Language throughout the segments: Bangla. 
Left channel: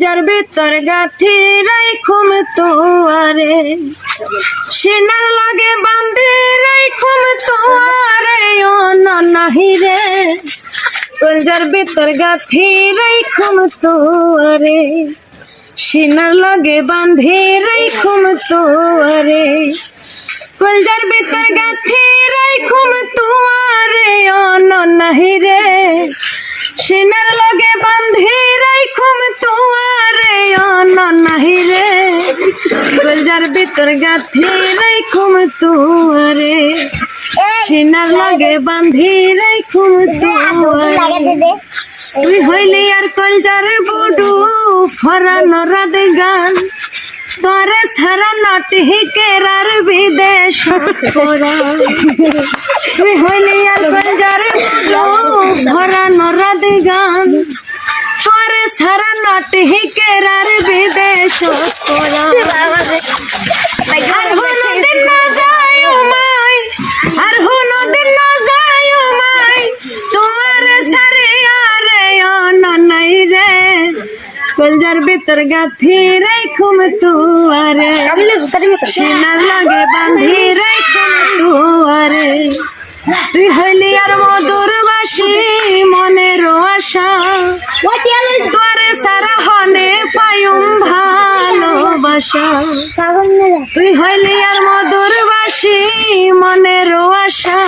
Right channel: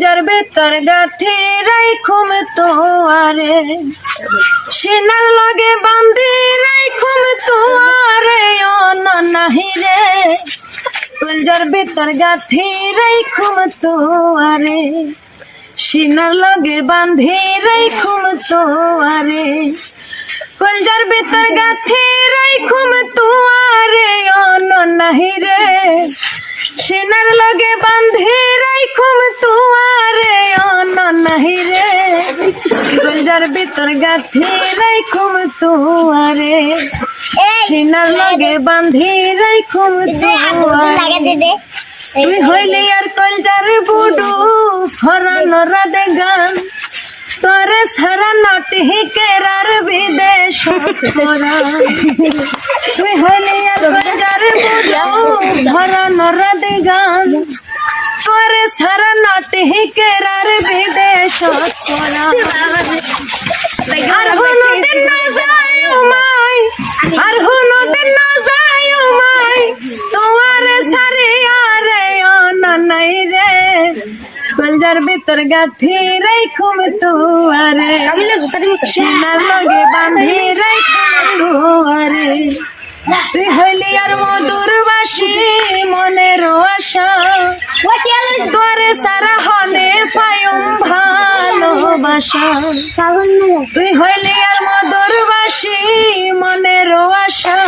যার বেতার গাথি রাইখুম তোয়ারে সেনার লাগে বান্ধি রাইখুম তোয়ারে ও নাহি রে কলজার বেতার গাথি রাইখুম তোয়ারে সেনার লাগে বান্ধি রাইখুম তোয়ারে কলজার বেতার গাথি রাইখুম তোয়ারে ও নাহি রে সেনার লগে বান্ধি রাইখুম তোয়ারে ও নাহি রে কলজার বেতার গাথি রাইখুম তোয়ারে সেনার লগে বান্ধি রাইখুম তোয়ারে তুই হইলি আর কলজার বুডু ফরানো রাধে গান তোরে সারা নাটি কেরার বিদেশ তুই হইলি আর কলজার বুডু ফরানো রাধে গান তোরে সারা নাটি কেরার বিদেশ আর হলো দিন না যায় মাই আর হলো দিন না যায় মাই তোমার সারে আরে ও নাই রে কলজার বেতার গাথি রাইখুম তোয়ারে সেনার লগে বান্ধি রাইখুম তোয়ারে তুই হইলি আর মধুর বাসি মনের আশা তোরে সারা হলে পায়ুম ভালোবাসা তুই হইলি আর মধুর বাসি মনের আশা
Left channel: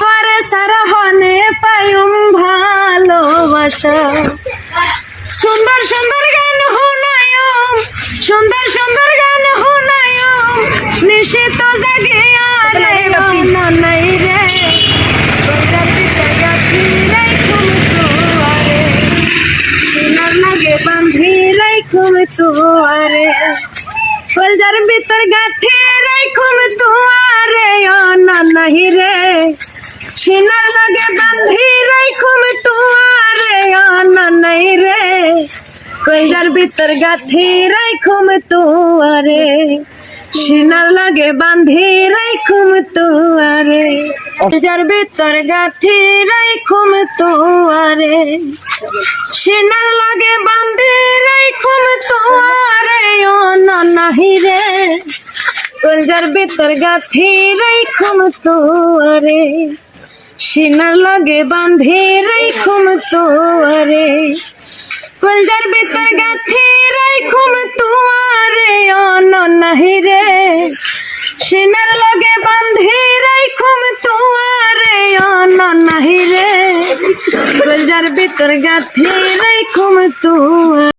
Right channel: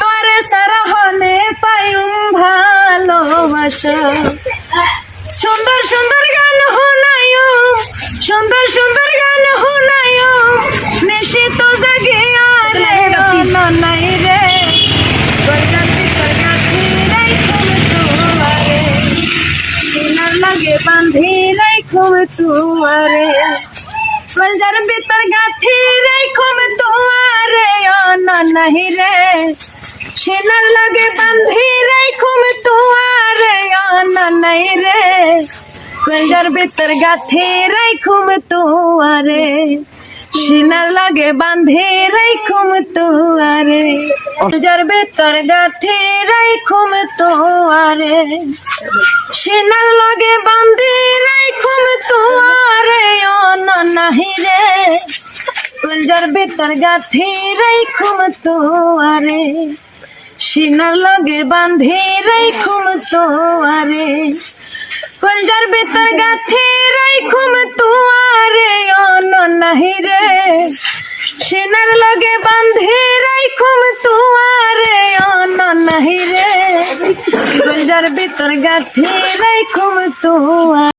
তোরে সারা হলে পায়ুম ভালোবাসা সুন্দর সুন্দর গান হুনায়ো সুন্দর সুন্দর গান হুনায়ো নিশিত জাগে আর নাই রে সেনার লাগে বান্ধি রাইখুম তোয়ারে কলজার বেতার গাথি রাইখুম তোয়ারে ও নাহি রে সেনার লাগে বান্ধি রাইখুম তোয়ারে ও নাই রে কলজার বেতার গাথি রাইখুম তোয়ারে সেনার লাগে বান্ধি রাইখুম তোয়ারে কলজার বেতার গাথি রাইখুম তোয়ারে সেনার লাগে বান্ধি রাইখুম তোয়ারে ও নাহি রে কলজার বেতার গাথি রাইখুম তোয়ারে সেনার লাগে বান্ধি রাইখুম তোয়ারে কলজার বেতার গাথি রাইখুম তোয়ারে ও নাহি রে সেনার লগে বান্ধি রাইখুম তোয়ারে ও নাহি রে কলজার বেতার গাথি রাইখুম তোয়ারে।